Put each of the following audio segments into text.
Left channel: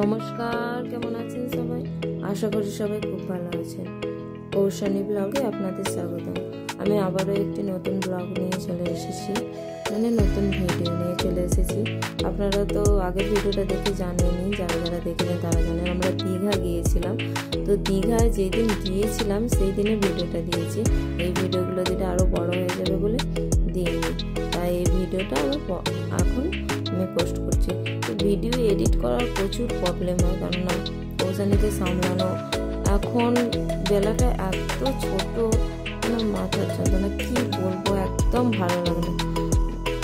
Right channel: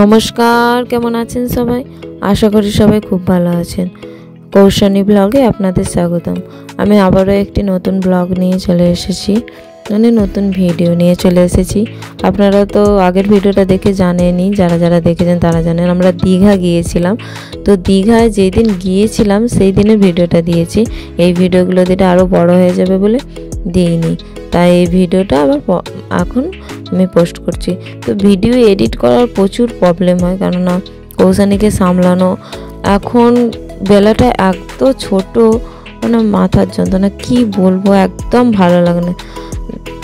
নমস্কার, কেমন আছেন সবাই? আশা করি সবাই খুব ভালো আছেন। কৌশানী ব্লগে আপনাদের স্বাগতম। আমি আবারও একটি নতুন ব্লগ নিয়ে চলে এসেছি, নতুন ভিডিও নিয়ে চলে এসেছি। আপনারা তো আগের ভিডিওটা দেখে জানেনই, যারা দেখেছেন তারা জানেন আমরা দীঘা গিয়েছিলাম। তো দীঘায় যেই দিন গিয়েছিলাম সেই দিনের ভিডিওটা দিয়েছি। এই ভিডিওগুলো দিতে আরও বড় হয়ে যাবে বলে দিইনি, তাই এই ভিডিওটা আবার এখন আমি পোস্ট করছি। তো ভিডিও এডিট করার প্রচুর প্রবলেম হয়, কেননা কৌশানীকে সামলানো, এখন বেলাটা এত ছোট, মাথার যন্ত্রণা কি বলবো, একদম ভালো লাগে না।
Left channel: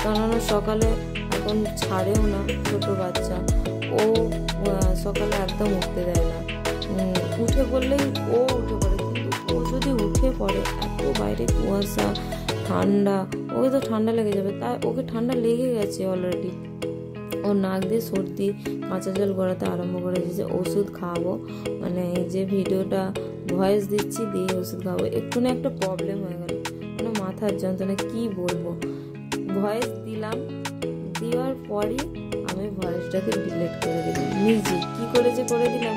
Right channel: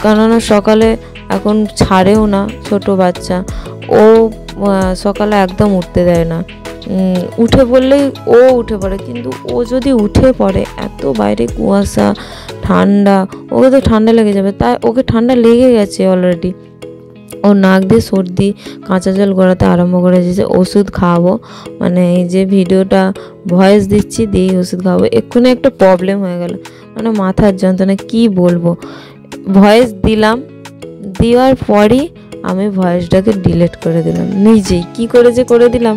কেননা সকালে এখন ছাড়েও না, ছোট বাচ্চা, ও সকালে একদম উঠতে দেয় না। উঠে পড়লেই ও উঠে পড়ে, কিন্তু ও যদি উঠে পড়ে এত বাইরে কুয়াশা, ঠান্ডা, ওকে তো ঠান্ডা লেগে যাবে। তাই ওকে ঠান্ডা লেগে গেছে অলরেডি, ও নাক দিয়ে সর্দি, কাঁচা জল গড়াতে আরম্ভ করে দিয়েছে। ওষুধ খাওয়াবো, এই যে ভিডিওটা ভয়েস দিচ্ছি দিয়ে ওষুধ খাওয়াবো। এক্ষুনি একটা প্রবলেম হয়ে গেল, মাথার যন্ত্রণা কি বলবো। ভয়েস দিলাম, দেওয়ার পরই আমি ভয়েসটাকে ডিলিট করে দিলাম নিজেই। কি করে যে করে দিলাম,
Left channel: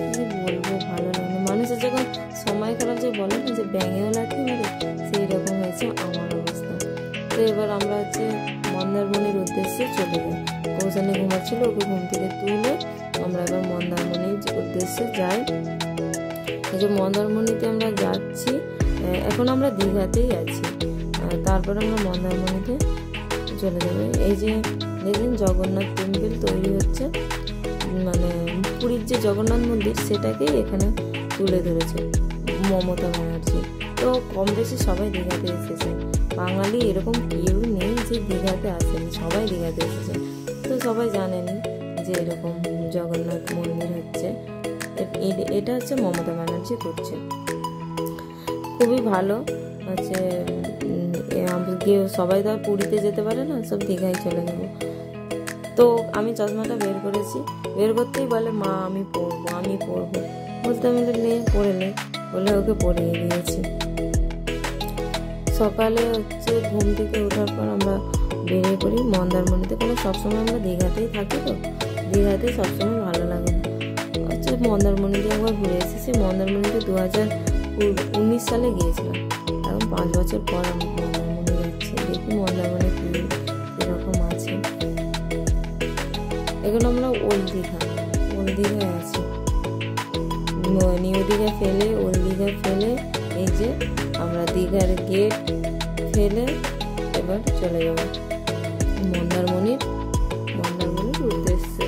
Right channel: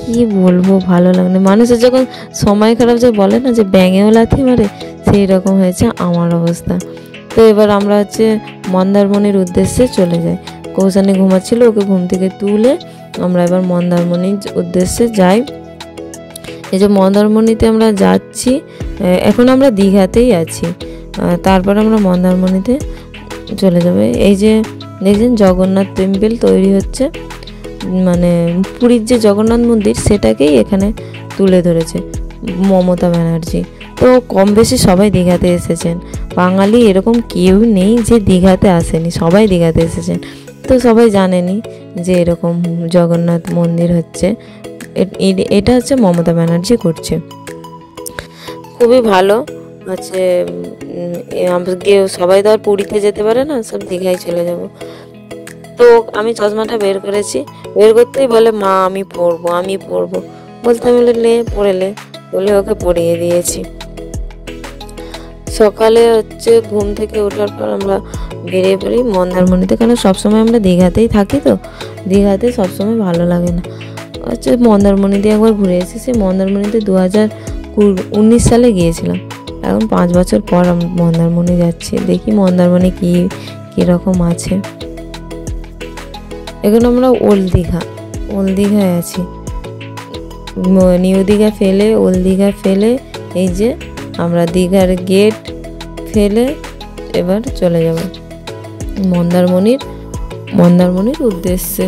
কি বলবো, ভালো লাগে। মানুষের যখন সময় খারাপ যে বলে না যে ব্যাঙেও লাথি মারে, সেই রকম হয়েছে আমার অবস্থা। তো এবার আমরা মন্দারমণির উদ্দেশ্যে চলে যাই। কৌশানী ঘুমাচ্ছিল, ওকে ঘুম থেকে তুলে আমরা এবার মন্দারমণির উদ্দেশ্যে যাই। এই যে মন্দারমণিতে আমরা যাচ্ছি, এখন আমরা দীঘাতেই আছি, তারপর আমরা মন্দারমণিতে চলে যাবে। এই যে দেখছেন জগন্নাথ টেম্পল তৈরি হচ্ছে, পুরীর যে জগন্নাথ মন্দির সেটাকেই এখানে তুলে ধরেছে মমতা ব্যানার্জি। তো কম বেশি সবাই দীঘাতে এসেছেন, বাঙালি এরকম কেউ নেই যে দীঘাতে আসেনি, সবাই দীঘাতে এসেছেন। তো সবাই জানেনই যে এরকম জগন্নাথ মন্দির হচ্ছে, এটা হচ্ছে মমতা ব্যানার্জি করছে, খুবই ভালো হচ্ছে। সবাই তো আর পুরীতে যেতে পারে না, সব দীঘায় চলে যাব। তো আমি চশমাটা বের করেছি, বের করতেই বলে মা আমি পরবো বলতে, আমি লে পড়ে বলে ওকে পরিয়ে দিয়েছি। সকালে ঘুম থেকে ওঠার পর আমরা বেরিয়ে পড়ি মন্দারমণিতে, কেন সবসময় আমরা দীঘাতেই থাকি, তো দীঘাতে সবসময় ভালো লাগে না। মন্দারমণিতে একবার ঘুরে এসেছি। মন্দারমণিতে 2019 সালে গিয়েছিলাম, এখন 5 বছর পর মন্দারমণি যাচ্ছি। দেখি মন্দারমণি কীরকম আছে। এখন আমরা ওল্ড দীঘায় আছি, নিউ দীঘা ফেলে ওল্ড দীঘা ফেলে, এই যে আমরা দীঘার গেট ফেলে এবার চলে যাব মন্দারমণির উদ্দেশ্যে।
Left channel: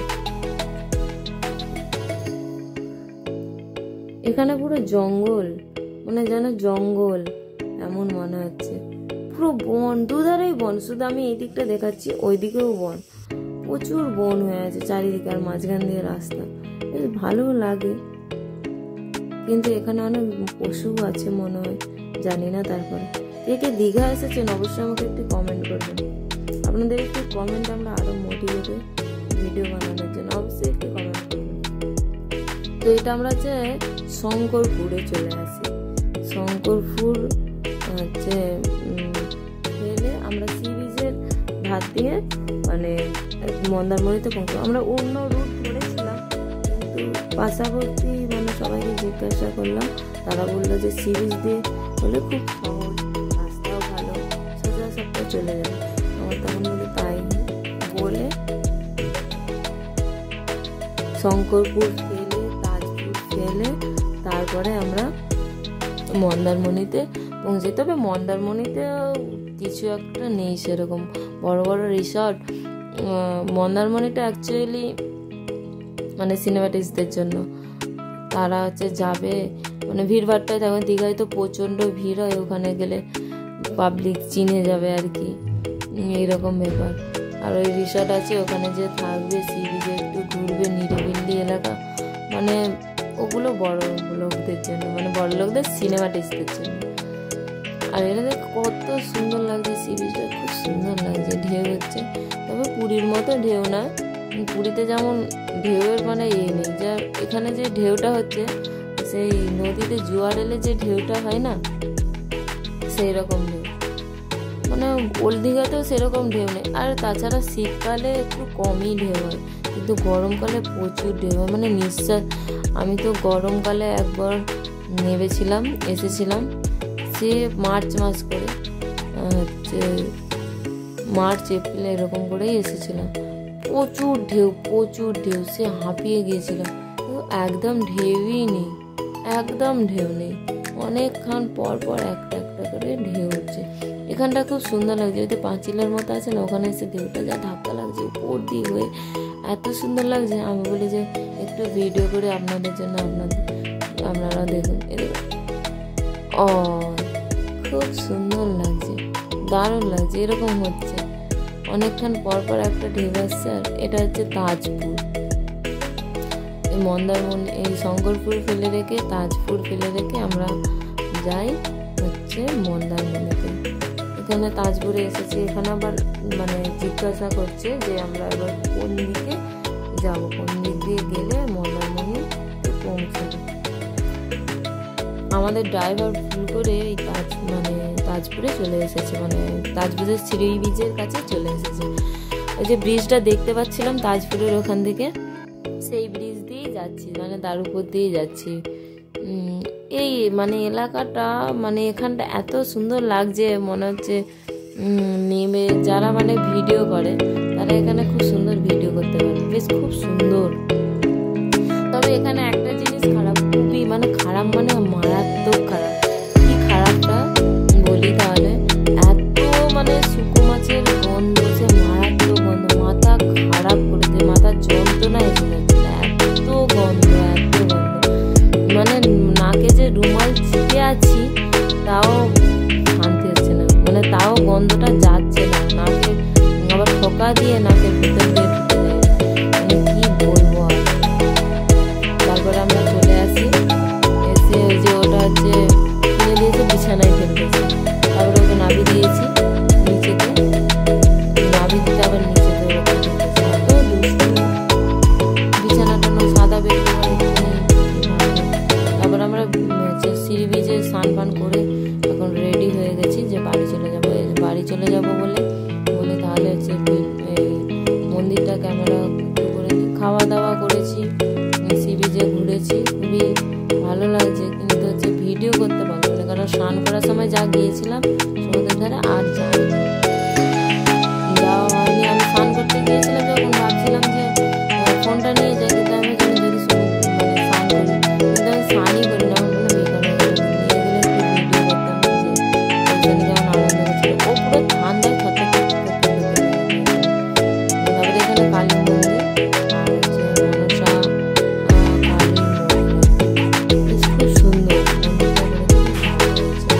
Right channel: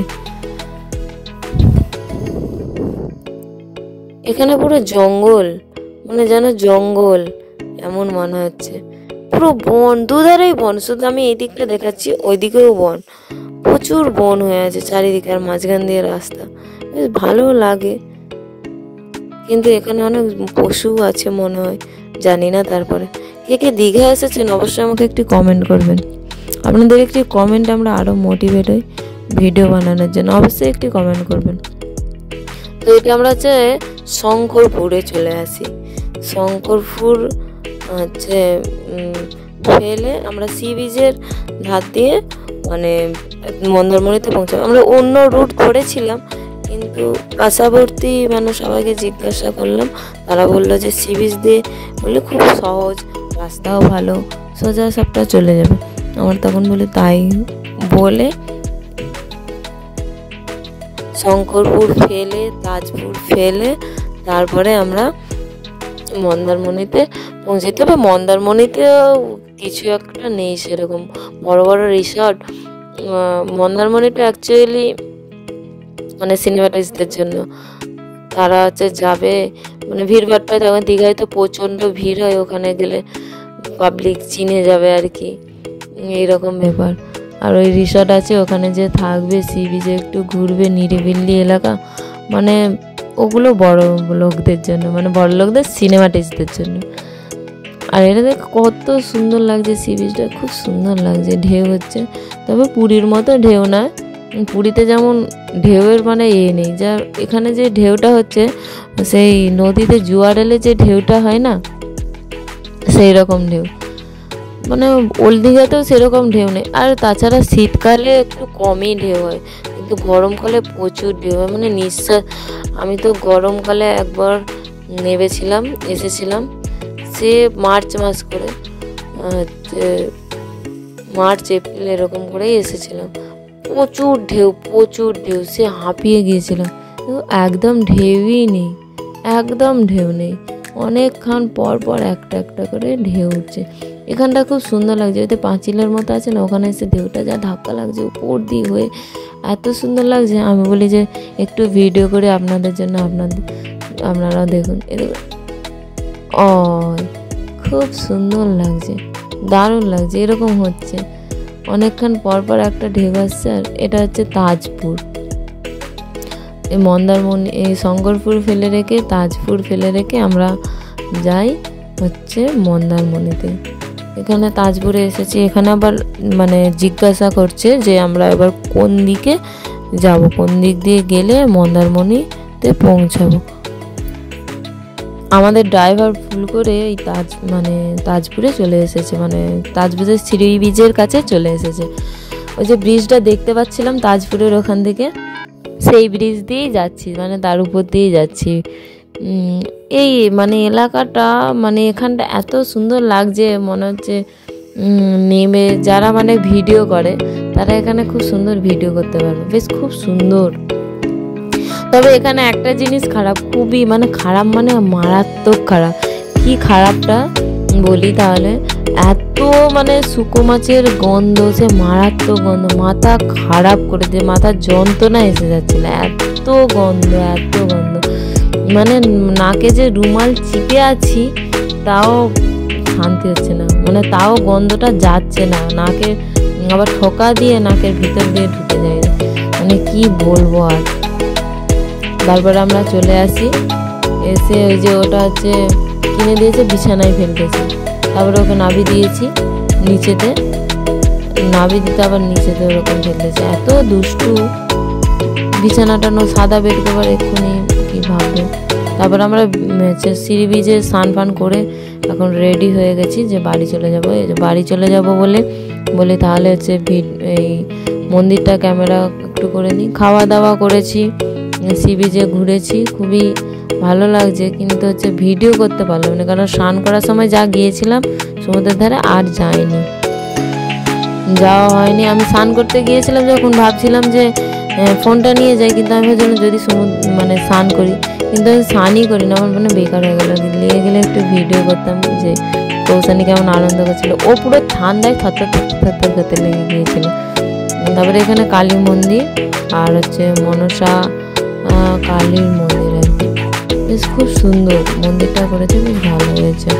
এখানে পুরো জঙ্গল, যেন জঙ্গল এমন মনে হচ্ছে, পুরো বন, দুধারেই বন। শুধু আমি এই দিকটা দেখাচ্ছি, ওইদিকেও বন, প্রচুর বন হয়ে আছে চারিদিকে, আর মাঝখান দিয়ে রাস্তা, বেশ ভালো লাগে। কিন্তু এখানে অনেক পশু আছে মনে হয়, জানি না। তারপরে কে দীঘা এসেছেন অবশ্যই আমাকে একটি কমেন্ট করবেন। আপনাদের একটি কমেন্ট আমরা আরও মোটিভেট হই ভিডিও বানানোর জন্য, অবশ্যই একটি কমেন্ট করবেন। তো এটা আমরা শঙ্করপুরে চলে আসি। শঙ্করপুর ফেলে আমরা সি বিচের ধার দিয়ে মন্দারমণিতে পৌঁছাবো। আমরা অন্য রুট ধরেছিলাম, কিন্তু পাশাবর্তী সবাইকে জিজ্ঞাসা করলাম, তারা বললো যে সি বিচ দিয়ে বললে খুব সহজ, রাস্তাও ভালো, সোজা সবটা চলে যাবে। আমার তখন বলে তাই বলে শঙ্করপুর ফেলে, তাজপুর ফেলে, তারপরে আমরা মন্দারমণিতে পৌঁছে। তবে মন্দারমণিতেও কিছু একটা নেই সেরকম বড় বড় রিসর্ট। মন্দারমণিটা অ্যাকচুয়ালি সিনেমাটিস্টদের জন্য, তারা যাবে, ভিড়ভাড় পায়। তখন দীঘায় তো প্রচণ্ড ভিড় হয়, ওখানে গেলে পাবলিক চিনে যাবে আর কি, এইরকম ব্যাপার। আর ওই রিসর্ট আছে, ওখানে যে থাকবে, সি বিচে একটু ঘুরবে, নিরিবিলি এলাকা, ওগুলো বড় লোকদের জন্য, বড় লোকদের সিনেমাটিস্টদের জন্য। আর এটা দেখ কত সুন্দর লাগছে, সি বিচটা খুব সুন্দর লাগছে, ঢেউ হচ্ছে। তবে পুরীর মতো ঢেউ না, পুরীতে যেমন ঢেউয়ের নেই, যা এখানে যে ঢেউটা হচ্ছে, সেই নদীতে জোয়ার এলে যে ঢেউটা হয় না, সেই রকম ঢেউ। ওল্ড দীঘাতেও সেরকম ঢেউ নেই। আর তাছাড়া শীতকালে একটু কমই ঢেউ হয়, কিন্তু গরমকালে প্রচুর ঢেউ হয়, মানে নিঃশ্বাস। আমি তো গরমকালে একবার নেমেছিলাম, এসেছিলাম সে মার্চ মাস করে, হচ্ছে মার্চ এপ্রিল এরকম করেই এসেছিলাম। প্রচুর ঢেউ, সে হাঁপিয়ে গিয়েছিলাম। একদম ঢেউই নেই, একদম ঢেউ নেই। অনেকক্ষণ পর পর একটা একটা করে ঢেউ উঠছে। এখানটা খুব সুন্দর লাগছে, ওই তো পাঁচিলের মতো আছে না, ওখানে এসে ঢেউটা যা ধাক্কা লাগছে উপর দিয়ে হয়ে, এত সুন্দর লাগছে। আমি বলি যে একটু ভিডিও করে আপনাদের জন্য, আপনারাও দেখুন। খুব সুন্দর লাগছে, দারুণ লাগছে। এরকম হচ্ছে অনেকক্ষণ পর পর একটা ঢেউ আসছে। আর এটা হচ্ছে তাজপুর, এই মন্দারমণি, এই শঙ্করপুর ফেলে রেখে, তাজপুর ফেলে রেখে আমরা যাই হচ্ছে মন্দারমণিতে। এখানে তাজপুরে এসেছি। এখানে আবার মানে জিজ্ঞাসা করছে যে আমরা এবার কোন দিকে যাব, কোন দিক দিয়ে গেলে মন্দারমণিতে পৌঁছাবো। আমাদের ড্রাইভার ভুল করে এই তাজপুরে চলে এসেছে, মানে তাজপুরের সি বিচের কাছে চলে এসেছে। ওই যে ব্রিজটা দেখতে পাচ্ছিলাম তাজপুরের ওখান থেকে, সেই ব্রিজ দিয়েই যাচ্ছি, মানে তার উপর দিয়েই যাচ্ছি। এই মানে এলাকাটা, মানে এখানটা এত সুন্দর লাগছে, মনে হচ্ছে নেমে যারা মানে ভিডিও করে তারা এখানে খুব সুন্দর ভিডিও করতে পারবে, বেশ খুব সুন্দর। তবে এখানে একটা জিনিস খারাপ, খুবই মানে খারাপ, মানে মারাত্মক খারাপ। কি খারাপটা বলি তাহলে, এত মানে শুকো মাছের গন্ধ, সে মারাত্মক গন্ধ, মাথা খারাপ করে দিয়ে, মাথার যন্ত্রণা এসে যাচ্ছিল, এত গন্ধ, মানে নাকে যে রুমাল চিপে আছি তাও শান্তি হচ্ছে না, মানে তাও গন্ধটা যাচ্ছে না নাকে, আবার ঠোকা দিয়ে নাকের ভিতর দিয়ে ঢুকে যায়, মানে কি বলবো। আর তারপরে আমরা চলে আসি, এসে ওই যে ওটা হচ্ছে কিনে দিয়েছে, বিছানায় ফেলতেছি। তারপরে ওকে নাবি দিয়েছি নিচেতে, নাবি দিতে আবার নিচেতে ওরকম ফেলতেছে, এত দুষ্টু। বিছানাটা সাদা বেড কভার, এক্ষুনি কি ভাববে। তারপর আমরা সিঁড়ি বিচে স্নান ফান করে এখন রেডি হয়ে গেছি যে বাড়ি চলে যাবো। বাড়ি চলে যাব বলে তাহলে হচ্ছে এই মন্দিরটা ক্যামেরা একটু করে নিই। খাওয়া দাওয়া করেছি, সি বিচে ঘুরেছি, খুবই ভালো লাগছে, কিন্তু হচ্ছে ভিডিও করতে পারলাম না, কারণ স্নান করার সময় যা গিয়েছিলাম সমুদ্রের ধারে আর যাওয়া হয়নি। আমি স্নান করতে গিয়েছিলাম যখন, ভাবছিলাম যে ফোনটা নিয়ে যাই, কিন্তু আমি ভাবছিলাম যদি মানে স্নান করি, কিন্তু আমি স্নানই করি না, আমার মানে বেকার হয়ে গেল। নিয়ে গেলে একটু ভিডিও করতাম যে কৌশানী কেমন আনন্দ করছিল, ও পুরো ঠান্ডায় থরথর করতে লেগে গিয়েছিল। তারপরে এখানে কালী মন্দির আর হচ্ছে মনসা কালীর মন্দির, বেশ খুব সুন্দর মন্দিরটা করেছে, খুব ভালো হয়েছে।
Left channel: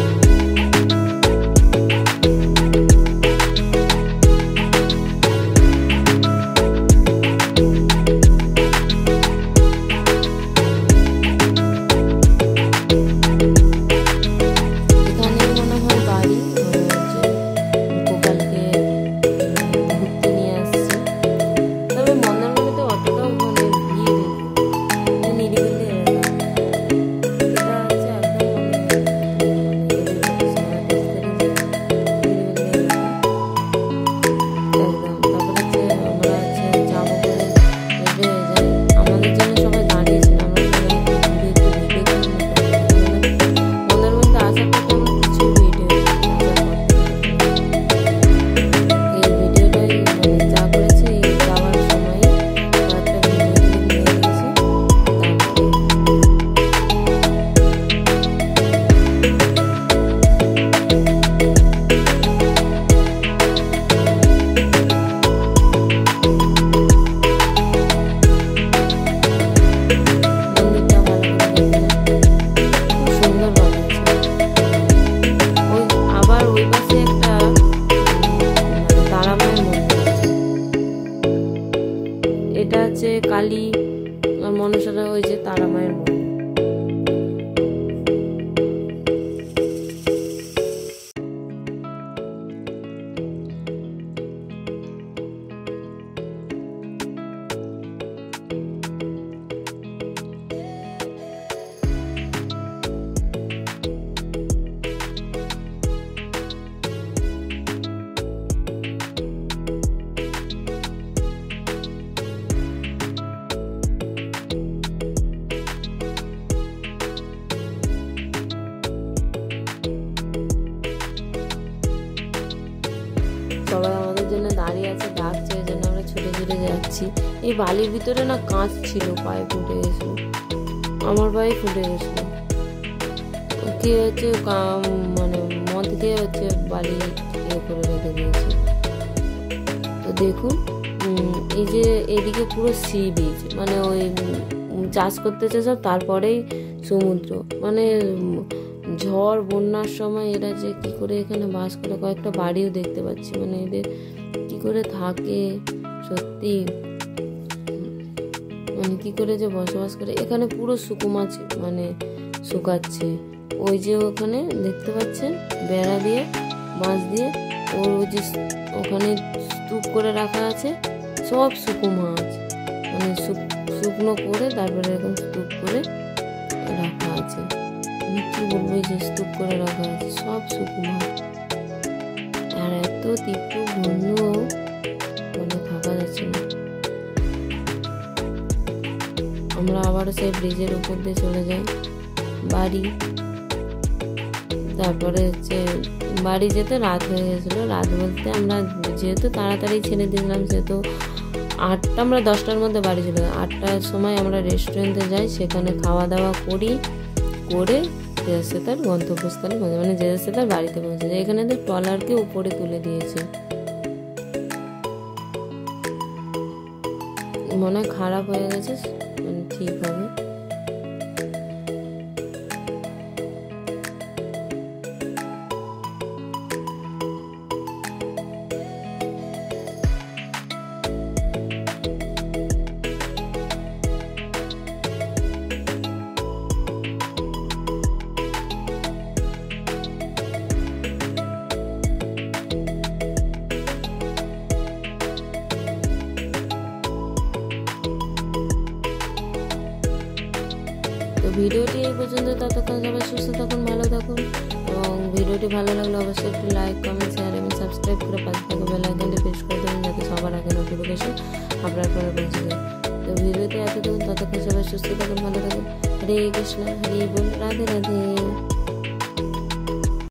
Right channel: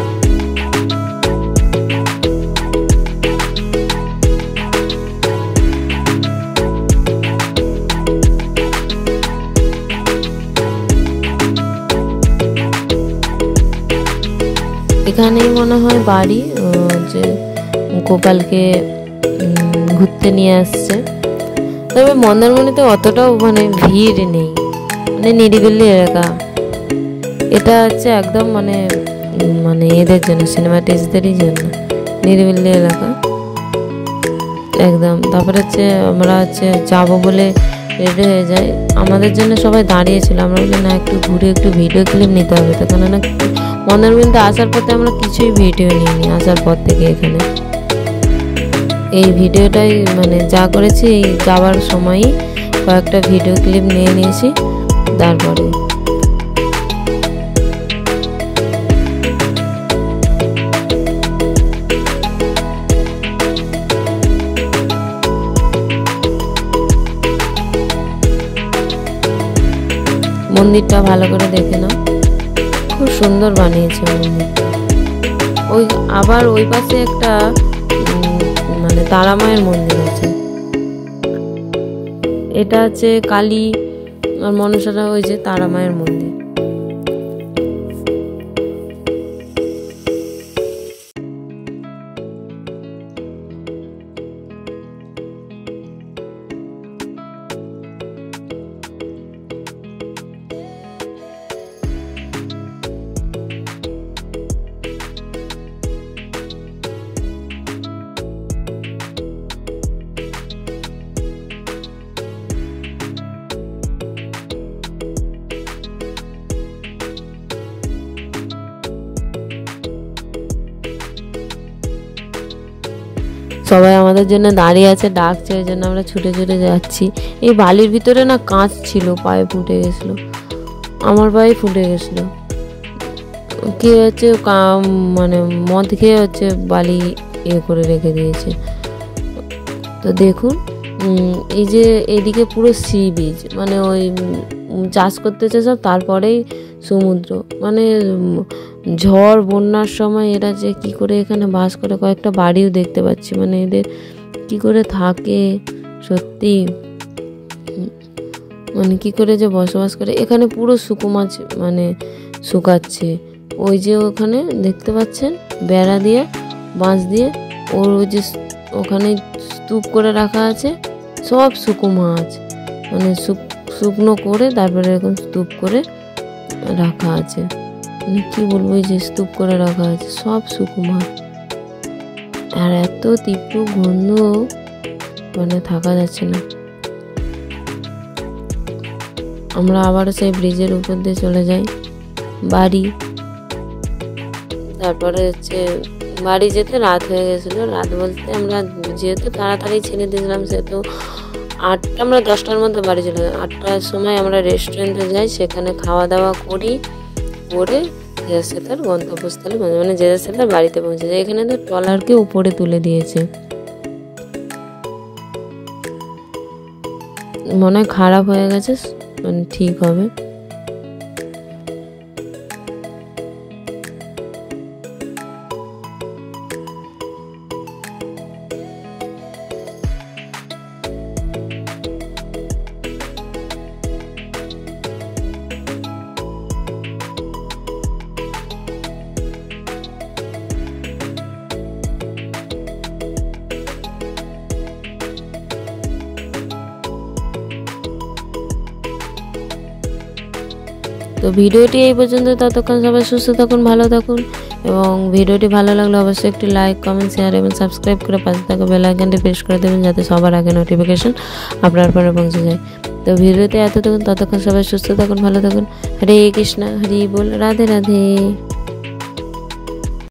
এখানেই মনে হয় বাড়ি, যে গোপালকে ঘুরতে নিয়ে আসছে। তবে মন্দারমণিতে অতটাও মানে ভিড় নেই, মানে নিরিবিলি এলাকা। এটা হচ্ছে একদম মানে এদের জন্য, সিনেমাটিস্টদেরই জন্য নিরিবিলি এলাকা একদম। তারপরে হচ্ছে আমরা হচ্ছে যাবো বলে রেডি হয়ে যাই, আমাদের জন্য সবাই দাঁড়িয়েছিল। আমরা না একটু ঘুরে একটু ভিডিও ক্লিপ নিতে হবে, তখন না মন্দারমণিতে আসার পথে আমরা কিছুই ভিডিও নিইনি, আসার পর থেকে এখানে এই ভিডিওটাই মানে যা করেছি, এই যাওয়ার সময়ই কয়েকটা ভিডিও ক্লিপ নিয়ে নিয়েছি। তারপরে মন্দিরটা ভালো করে দেখে নাও, খুব সুন্দর বানিয়েছে মন্দির। আবার ওই পাশে একটা মানে তারামায়ের মন্দির আছে, এটা হচ্ছে কালী আর মনসাটা ওই যে তারামায়ের মন্দির। সবাই আমাদের জন্য দাঁড়িয়ে আছে, ডাকছে, ওই জন্য আমরা ছুটে ছুটে যাচ্ছি। এই বালির ভিতরে না কাঁচ ছিল, পায়ে ফুটে গেছিলো, আমার পায়ে ফুটে গেছিলো। কি হচ্ছে, মানে মদ খেয়ে হচ্ছে বালি করে রেখে দিয়েছে। তো দেখুন এই যে এদিকে পুরো সি বিচ, মানে ওই চাষ করতেছে সব, তারপরেই সমুদ্র। মানে ঝড় বন্যার সময় এরা যে কি করে এখানে বাস করে, কয়েকটা বাড়িও দেখতে পাচ্ছি, মানে এদের কি করে থাকে সত্যি, মানে কি করে যে বসবাস করে। এখানে পুরো শুকো মাছ মানে শুকাচ্ছে, ওই যে ওখানে দেখতে পাচ্ছেন বেড়া দিয়ে, বাঁশ দিয়ে, ওর যে ওখানে স্তূপ করে রাখা আছে, সব শুকো মাছ, মানে শুকনো করে তারপরে এরকম স্তূপ করে রাখা আছে। মানে কি বলবো, এই যে স্তূপ করে রাখা আছে সব শুকো মাছ, আর এত তীব্র গন্ধ, মানে থাকা যাচ্ছে না। আমরা আবারও সেই ব্রিজের উপর দিয়ে চলে যাই বাড়ি। তারপরে হচ্ছে বাড়ি যেতে রাত হয়ে গেছিলো। রাত বলতে আমরা যেহেতু তাড়াতাড়ি ছেড়ে দিয়েছিলাম, সেহেতু আমরা 10টার মধ্যে বাড়ি চলে যাই। 8টার সময় আমরা রেস্টুরেন্টে যাই, সেখানে খাওয়া দাওয়া করে যে তার গন্তব্যস্থলে, মানে যে তার বাড়িতে পৌঁছে যায়। এখানে তো ট্রলারকে উপরে তুলে দিয়েছে, মনে হয় খারাপ হয়ে গেছে, মানে ঠিক হবে। তো ভিডিওটি এই পর্যন্ত, ততক্ষণ সবাই সুস্থ থাকুন, ভালো থাকুন, এবং ভিডিওটি ভালো লাগলে অবশ্যই একটি লাইক, কমেন্ট, শেয়ার এবং সাবস্ক্রাইব করে পাশে থাকা বেল আইকনটি প্রেস করে দেবেন, যাতে সবার আগে নোটিফিকেশন আপনার পরে পৌঁছে যায়। তো ভিডিওতে এতটুকু, ততক্ষণ সবাই সুস্থ থাকুন, ভালো থাকুন। হরে কৃষ্ণ, হরি বল, রাধে রাধে।